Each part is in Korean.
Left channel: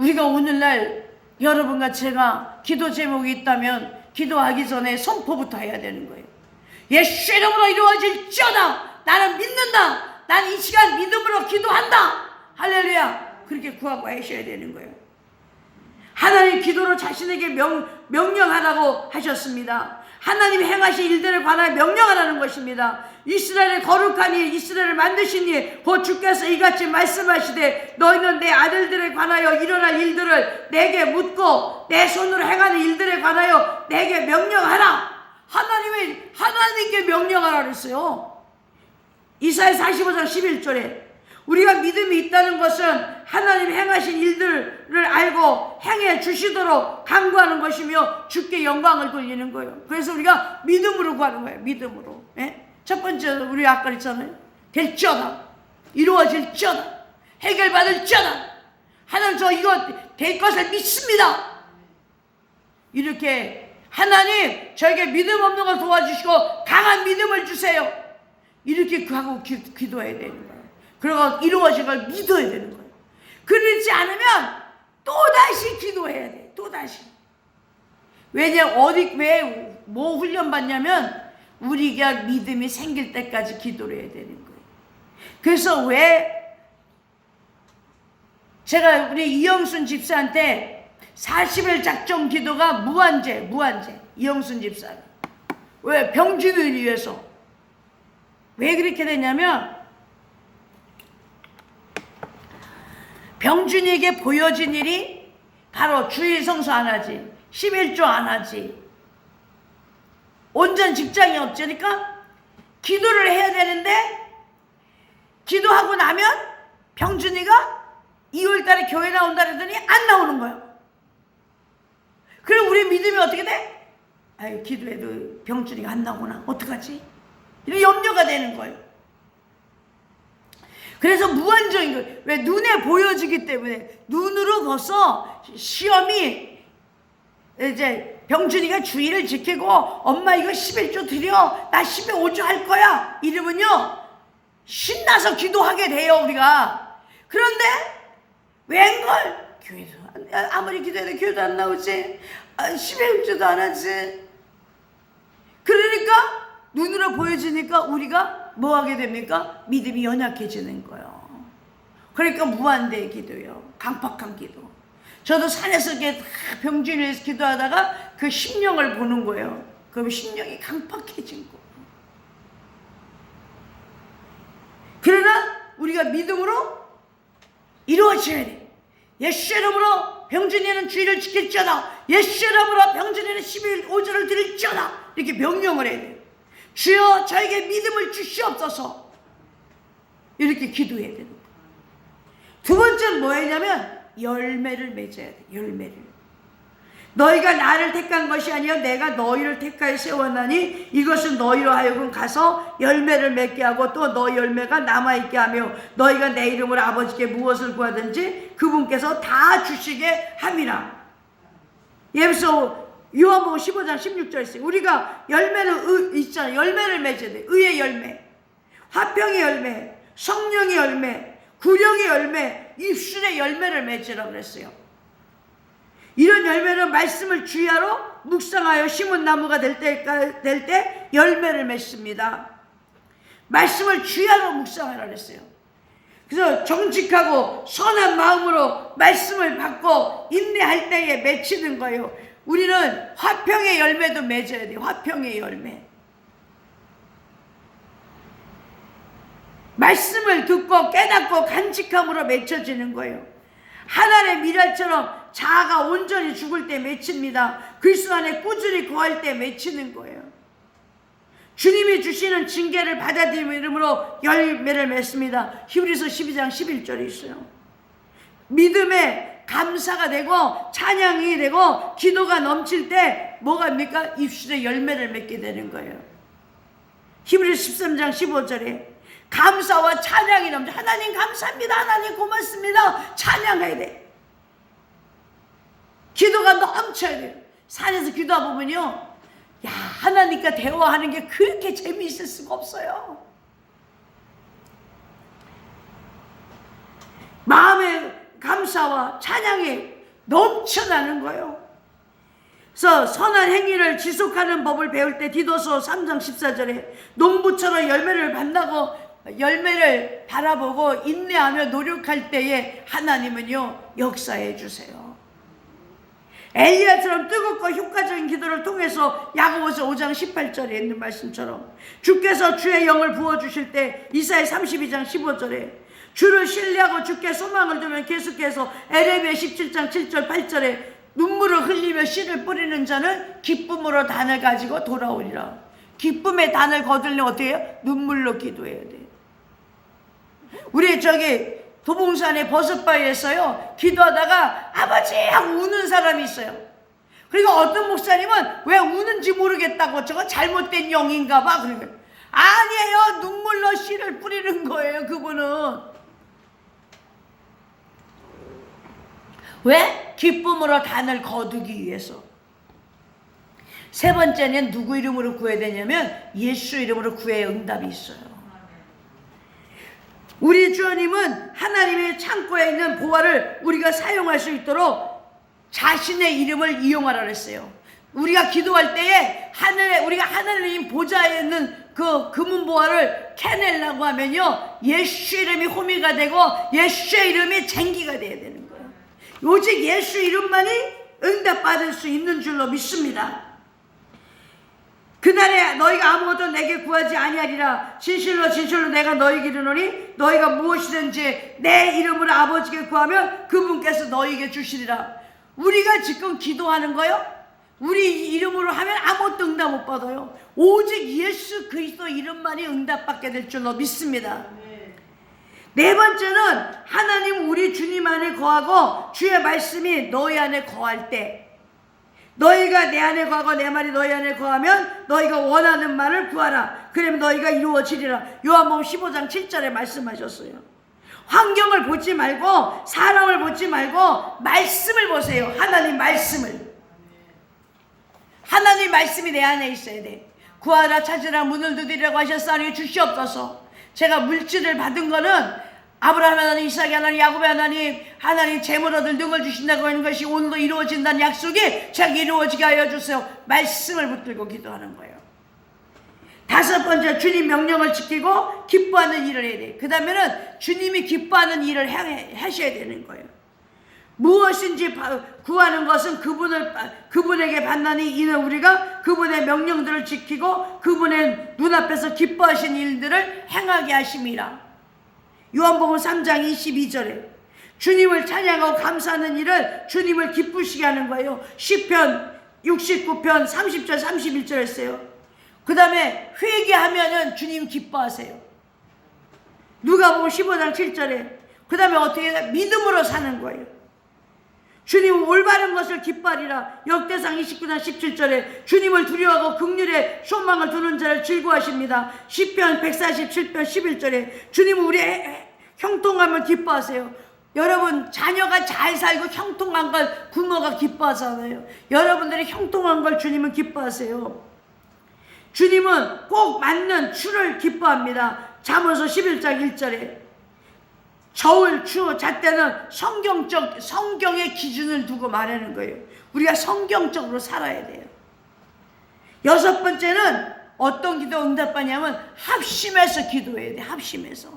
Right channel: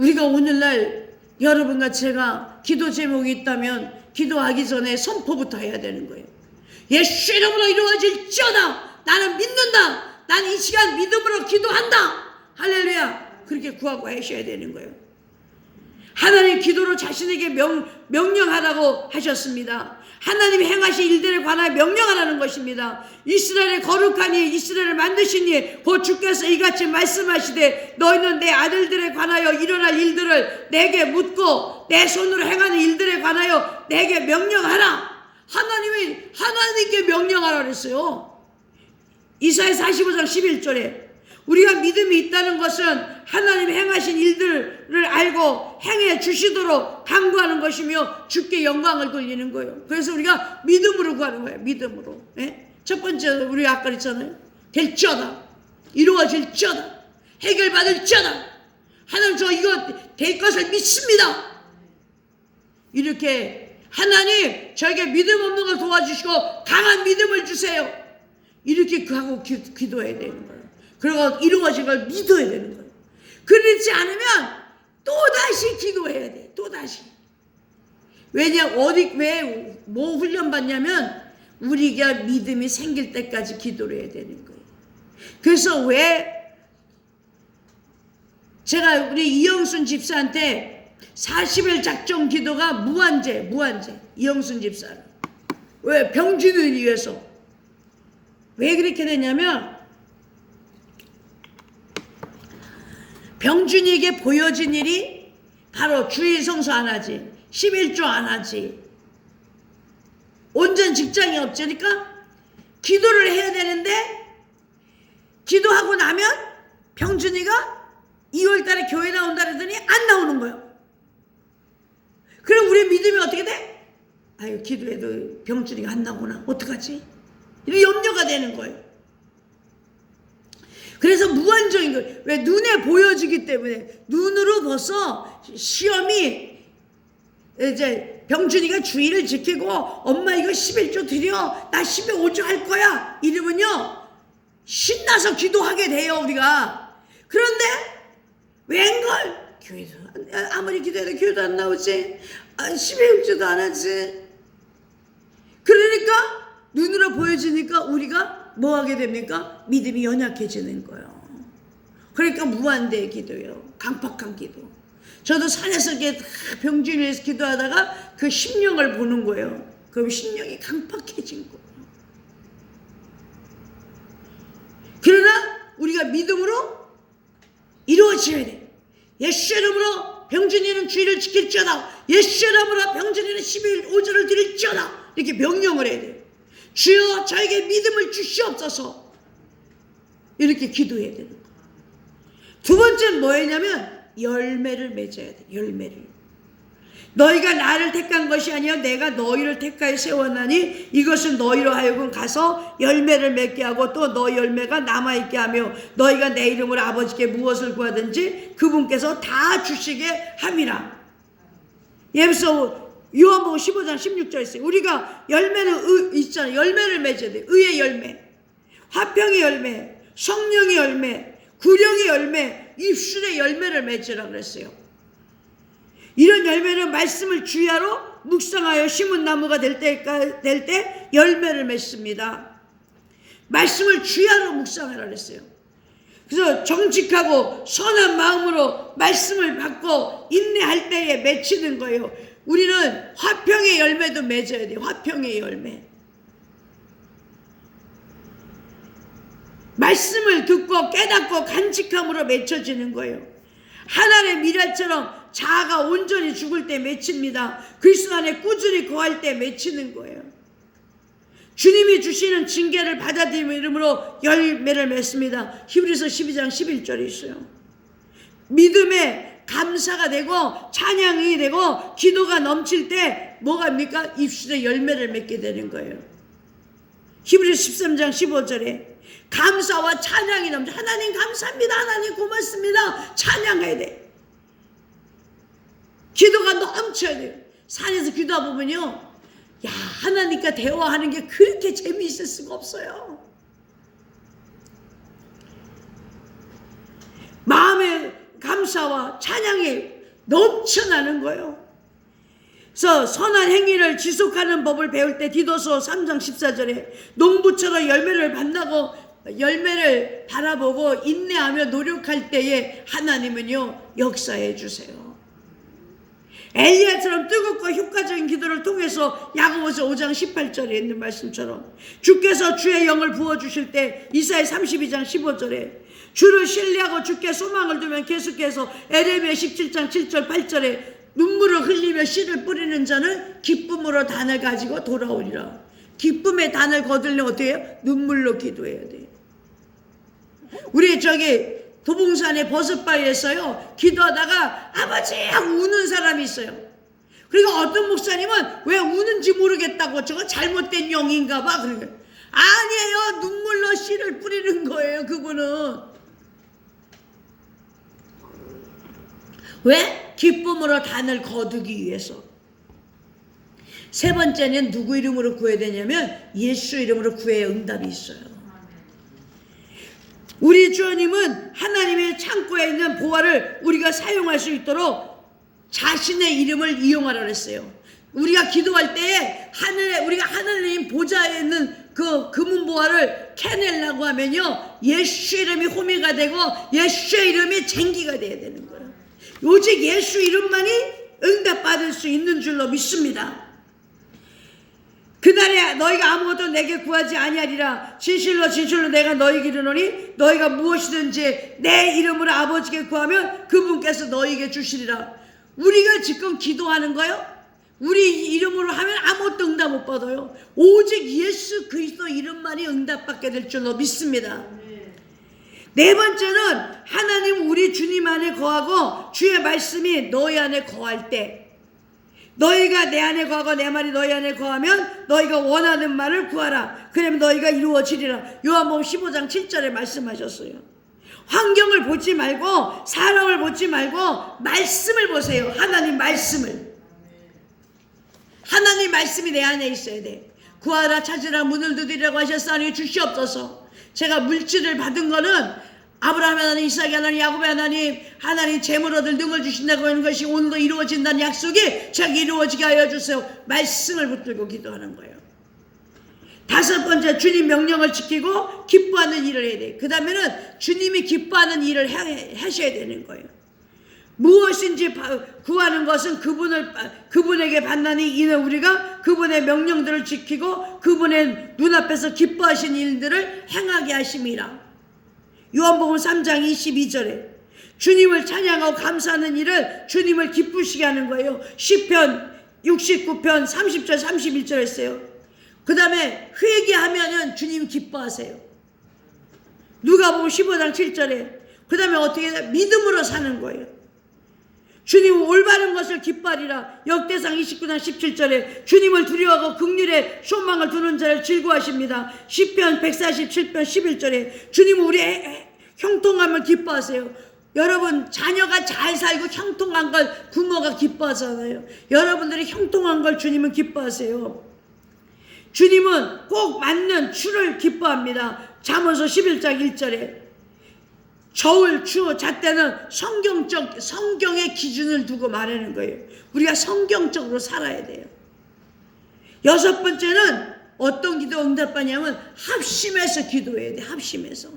우리가 오늘날 여러분과 제가 기도 제목이 있다면 기도하기 전에 선포부터 해야 되는 거예요. 예수 이름으로 이루어질지어다. 나는 믿는다. 나는 이 시간 믿음으로 기도한다. 할렐루야. 그렇게 구하고 하셔야 되는 거예요. 하나님 기도로 자신에게 명령하라고 하셨습니다. 하나님이 행하신 일들에 관하여 명령하라는 것입니다. 이스라엘의 거룩하니 이스라엘을 만드시니 곧 주께서 이같이 말씀하시되 너희는 내 아들들에 관하여 일어날 일들을 내게 묻고 내 손으로 행하는 일들에 관하여 내게 명령하라. 하나님께 명령하라 그랬어요. 이사야 45장 11절에 우리가 믿음이 있다는 것은 하나님이 행하신 일들을 알고 행해 주시도록 간구하는 것이며 주께 영광을 돌리는 거예요. 그래서 우리가 믿음으로 구하는 거예요. 믿음으로. 예? 첫 번째 우리 아까 그랬잖아요. 될지어다. 이루어질지어다. 해결받을지어다. 하나님 저 이거 될 것을 믿습니다. 이렇게 하나님 저에게 믿음 없는 걸 도와주시고 강한 믿음을 주세요. 이렇게 하고 기도해야 되는 거예요. 그리고 이루어진 걸 믿어야 되는 거예요. 그렇지 않으면 또다시 기도해야 돼. 또다시. 왜 뭐 훈련 받냐면 우리가 믿음이 생길 때까지 기도를 해야 되는 거예요. 그래서 왜 제가 우리 이영순 집사한테 40일 작정 기도가 무한제 이영순 집사는 왜 병준을 위해서 왜 그렇게 되냐면 병준이에게 보여진 일이 바로 주일 성수 안 하지 11조 안 하지 온전 직장이 없으니까 기도를 해야 되는데 기도하고 나면 병준이가 2월달에 교회 나온다 그러더니 안 나오는 거예요. 그럼 우리 믿음이 어떻게 돼? 아유 기도해도 병준이가 안 나오구나 어떡하지? 이런 염려가 되는 거예요. 그래서 무한정인 거예요. 왜? 눈에 보여지기 때문에. 눈으로 벌써 시험이 이제 병준이가 주의를 지키고 엄마 이거 11조 드려 나 15조 할 거야 이러면요 신나서 기도하게 돼요 우리가. 그런데 웬걸 교회도 아무리 기도해도 교회도 안 나오지 11조도 안 하지. 그러니까 눈으로 보여지니까 우리가 뭐 하게 됩니까? 믿음이 연약해지는 거예요. 그러니까 무한대의 기도예요. 강팍한 기도. 저도 산에서 이렇게 병준을 위해서 기도하다가 그 심령을 보는 거예요. 그럼 심령이 강팍해진 거예요. 그러나 우리가 믿음으로 이루어져야 돼. 예수 이름으로 병준이는 주의를 지킬지어다. 예수 이름으로 병준이는 15조를 드릴지어다. 이렇게 명령을 해야 돼요. 주여 저에게 믿음을 주시옵소서. 이렇게 기도해야 되는 거예요. 두 번째는 뭐였냐면 열매를 맺어야 돼. 열매를. 너희가 나를 택한 것이 아니라 내가 너희를 택하여 세웠나니 이것은 너희로 하여금 가서 열매를 맺게 하고 또 너희 열매가 남아있게 하며 너희가 내 이름으로 아버지께 무엇을 구하든지 그분께서 다 주시게 함이라. 예수서 요한복음 15장 16절에 있어요. 우리가 열매를 있잖아요. 열매를 맺어야 돼. 의의 열매, 화평의 열매, 성령의 열매, 구령의 열매, 입술의 열매를 맺으라고 그랬어요. 이런 열매는 말씀을 주야로 묵상하여 심은 나무가 될 때 열매를 맺습니다. 말씀을 주야로 묵상하라 그랬어요. 그래서 정직하고 선한 마음으로 말씀을 받고 인내할 때에 맺히는 거예요. 우리는 화평의 열매도 맺어야 돼요. 화평의 열매. 말씀을 듣고 깨닫고 간직함으로 맺혀지는 거예요. 하나님의 미랄처럼 자아가 온전히 죽을 때 맺힙니다. 그리스도 안에 꾸준히 거할 때 맺히는 거예요. 주님이 주시는 징계를 받아들임으로 열매를 맺습니다. 히브리서 12장 11절에 있어요. 믿음에 감사가 되고 찬양이 되고 기도가 넘칠 때 뭐가 합니까? 입술에 열매를 맺게 되는 거예요. 히브리서 13장 15절에 감사와 찬양이 넘쳐. 하나님 감사합니다. 하나님 고맙습니다. 찬양해야 돼. 기도가 넘쳐야 돼요. 산에서 기도하다 보면요, 야, 하나님과 대화하는 게 그렇게 재미있을 수가 없어요. 마음에 감사와 찬양이 넘쳐나는 거예요. 그래서 선한 행위를 지속하는 법을 배울 때 디도서 3장 14절에 농부처럼 열매를 바라보고 인내하며 노력할 때에 하나님은요 역사해 주세요. 엘리야처럼 뜨겁고 효과적인 기도를 통해서 야고보서 5장 18절에 있는 말씀처럼 주께서 주의 영을 부어주실 때 이사야 32장 15절에 주를 신뢰하고 주께 소망을 두면 계속해서 에레미야 17장 7절 8절에 눈물을 흘리며 씨를 뿌리는 자는 기쁨으로 단을 가지고 돌아오리라. 기쁨의 단을 거두려면 어떻게 해요? 눈물로 기도해야 돼. 우리 도봉산의 버섯바위에서요 기도하다가 아버지 하고 우는 사람이 있어요. 그리고 어떤 목사님은 왜 우는지 모르겠다고 저거 잘못된 영인가 봐. 그러니까 아니에요. 눈물로 씨를 뿌리는 거예요. 그분은 왜? 기쁨으로 단을 거두기 위해서. 세 번째는 누구 이름으로 구해야 되냐면 예수 이름으로 구해야 응답이 있어요. 우리 주님은 하나님의 창고에 있는 보화를 우리가 사용할 수 있도록 자신의 이름을 이용하라 그랬어요. 우리가 기도할 때에 우리가 하늘님 보좌에 있는 그 금은 보화를 캐내려고 하면요 예수 이름이 호미가 되고 예수의 이름이 쟁기가 돼야 되는 거예요. 오직 예수 이름만이 응답받을 수 있는 줄로 믿습니다. 그날에 너희가 아무것도 내게 구하지 아니하리라. 진실로 진실로 내가 너희에게 이르노니 너희가 무엇이든지 내 이름으로 아버지께 구하면 그분께서 너희에게 주시리라. 우리가 지금 기도하는 거요 우리 이름으로 하면 아무것도 응답 못 받아요. 오직 예수 그리스도 이름만이 응답받게 될 줄로 믿습니다. 네 번째는 하나님 우리 주님 안에 거하고 주의 말씀이 너희 안에 거할 때 너희가 내 안에 거하고 내 말이 너희 안에 거하면 너희가 원하는 말을 구하라. 그러면 너희가 이루어지리라. 요한복음 15장 7절에 말씀하셨어요. 환경을 보지 말고 사람을 보지 말고 말씀을 보세요. 하나님 말씀을. 하나님 말씀이 내 안에 있어야 돼. 구하라 찾으라 문을 두드리라고 하셨사니 주시옵소서. 제가 물질을 받은 거는 아브라함 하나님, 이삭 하나님, 야곱의 하나님 재물 얻을 능을 주신다고 하는 것이 오늘도 이루어진다는 약속이 제가 이루어지게 하여 주세요. 말씀을 붙들고 기도하는 거예요. 다섯 번째, 주님 명령을 지키고 기뻐하는 일을 해야 돼요. 그 다음에는 주님이 기뻐하는 일을 하셔야 되는 거예요. 무엇인지 구하는 것은 그분에게 받나니 이는 우리가 그분의 명령들을 지키고 그분의 눈앞에서 기뻐하신 일들을 행하게 하심이라. 요한복음 3장 22절에 주님을 찬양하고 감사하는 일을 주님을 기쁘시게 하는 거예요. 시편 69편 30절 31절 했어요. 그 다음에 회개하면은 주님 기뻐하세요. 누가복음 15장 7절에 그 다음에 어떻게 해요? 믿음으로 사는 거예요. 주님은 올바른 것을 기뻐하리라. 역대상 29장 17절에 주님을 두려워하고 긍휼에 소망을 두는 자를 즐거워하십니다. 시편 147편 11절에 주님은 우리의 형통함을 기뻐하세요. 여러분 자녀가 잘 살고 형통한 걸 부모가 기뻐하잖아요. 여러분들이 형통한 걸 주님은 기뻐하세요. 주님은 꼭 맞는 추를 기뻐합니다. 잠언서 11장 1절에 저울, 추, 잣대는 성경의 기준을 두고 말하는 거예요. 우리가 성경적으로 살아야 돼요. 여섯 번째는 어떤 기도 응답받냐면 합심해서 기도해야 돼. 합심해서.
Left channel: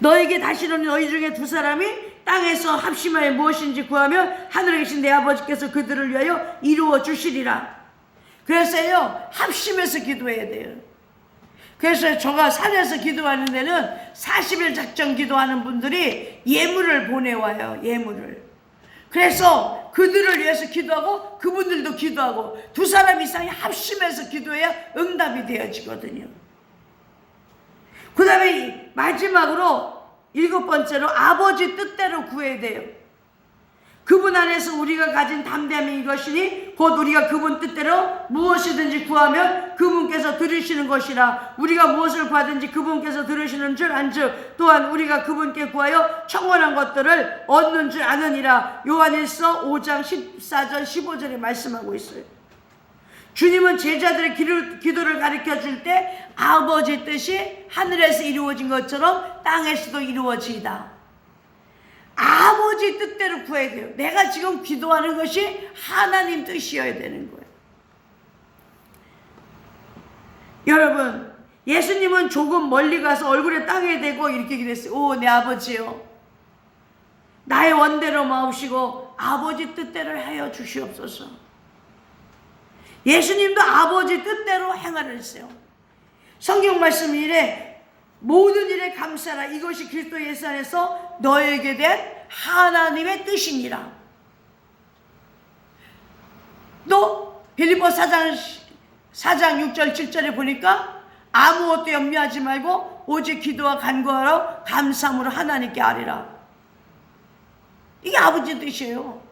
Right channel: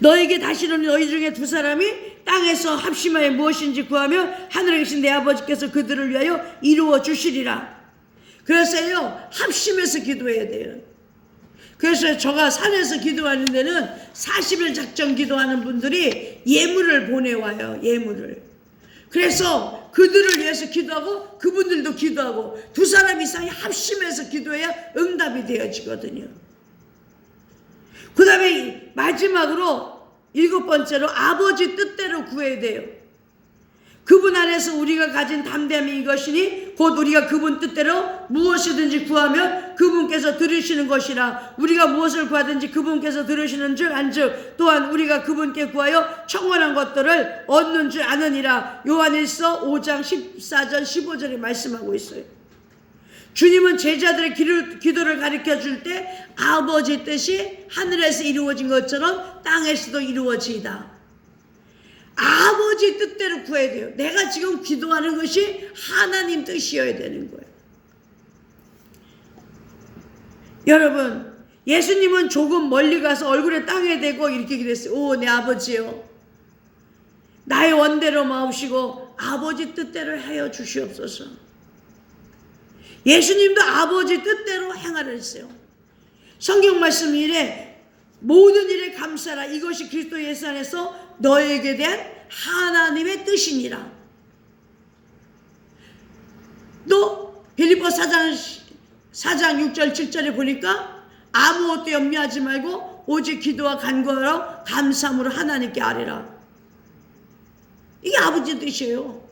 너에게 다시는 너희 중에 두 사람이 땅에서 합심하여 무엇인지 구하면 하늘에 계신 내 아버지께서 그들을 위하여 이루어 주시리라. 그래서요 합심해서 기도해야 돼요. 그래서 제가 산에서 기도하는 데는 40일 작정 기도하는 분들이 예물을 보내와요. 예물을. 그래서 그들을 위해서 기도하고 그분들도 기도하고 두 사람 이상이 합심해서 기도해야 응답이 되어지거든요. 그 다음에 마지막으로 일곱 번째로 아버지 뜻대로 구해야 돼요. 그분 안에서 우리가 가진 담대함이 이것이니 곧 우리가 그분 뜻대로 무엇이든지 구하면 그분께서 들으시는 것이라. 우리가 무엇을 구하든지 그분께서 들으시는 줄 안즉 또한 우리가 그분께 구하여 청원한 것들을 얻는 줄 아느니라. 요한일서 5장 14절 15절에 말씀하고 있어요. 주님은 제자들의 기도를 가르쳐 줄 때 아버지 뜻이 하늘에서 이루어진 것처럼 땅에서도 이루어지이다. 아버지 뜻대로 구해야 돼요. 내가 지금 기도하는 것이 하나님 뜻이어야 되는 거예요. 여러분, 예수님은 조금 멀리 가서 얼굴에 땅에 대고 이렇게 기도했어요. 오, 내 아버지요, 나의 원대로 마옵시고 아버지 뜻대로 하여 주시옵소서. 예수님도 아버지 뜻대로 행하라 했어요. 성경 말씀 이래 모든 일에 감사라, 이것이 그리스도 예수 안에서 너에게 된 하나님의 뜻이니라. 또 빌립보 4장 6절 7절에 보니까 아무것도 염려하지 말고 오직 기도와 간구하러 감사함으로 하나님께 아뢰라. 이게 아버지 뜻이에요.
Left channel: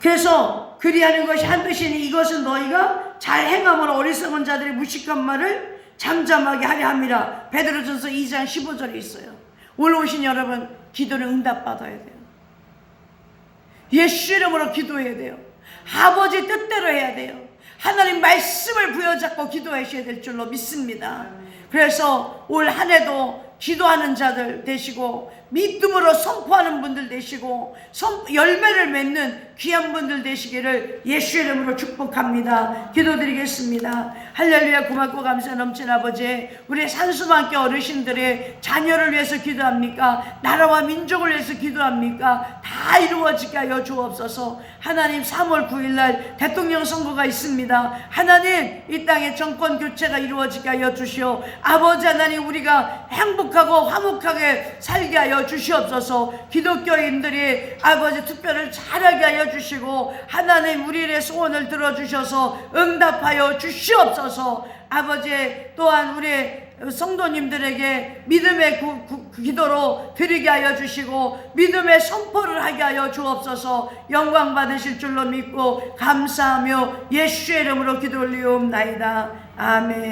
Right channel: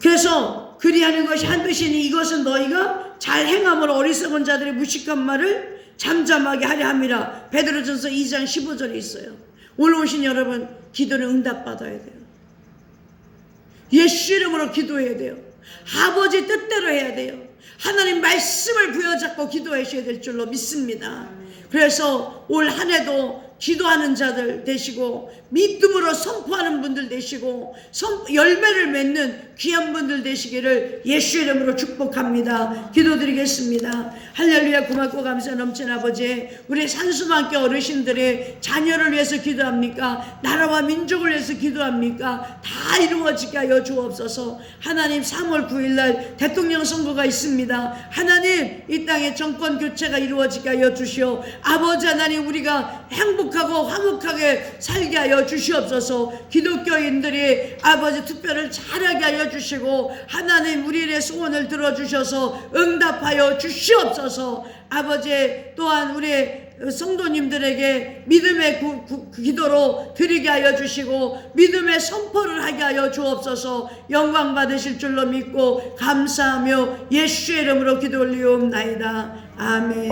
그래서 그리하는 것이 한 뜻이니 이것은 너희가 잘 행함으로 어리석은 자들의 무식한 말을 잠잠하게 하려 함이라. 베드로전서 2장 15절에 있어요. 오늘 오신 여러분, 기도는 응답받아야 돼요. 예수 이름으로 기도해야 돼요. 아버지 뜻대로 해야 돼요. 하나님 말씀을 부여잡고 기도하셔야 될 줄로 믿습니다. 그래서 올 한 해도 기도하는 자들 되시고 믿음으로 선포하는 분들 되시고 열매를 맺는 귀한 분들 되시기를 예수 이름으로 축복합니다. 기도드리겠습니다. 할렐루야. 고맙고 감사 넘친 아버지, 우리 산수만교 어르신들의 자녀를 위해서 기도합니까? 나라와 민족을 위해서 기도합니까? 다 이루어지게 하여 주옵소서. 하나님, 3월 9일날 대통령 선거가 있습니다. 하나님, 이 땅에 정권 교체가 이루어지게 하여 주시오. 아버지 하나님, 우리가 행복하고 화목하게 살게 하여 주시옵소서. 기독교인들이 아버지 투표를 잘하게 하여 주시고 하나님, 우리의 소원을 들어주셔서 응답하여 주시옵소서. 아버지, 또한 우리 성도님들에게 믿음의 기도로 드리게 하여 주시고 믿음의 선포를 하게 하여 주옵소서. 영광 받으실 줄로 믿고 감사하며 예수의 이름으로 기도 올리옵나이다. 아멘.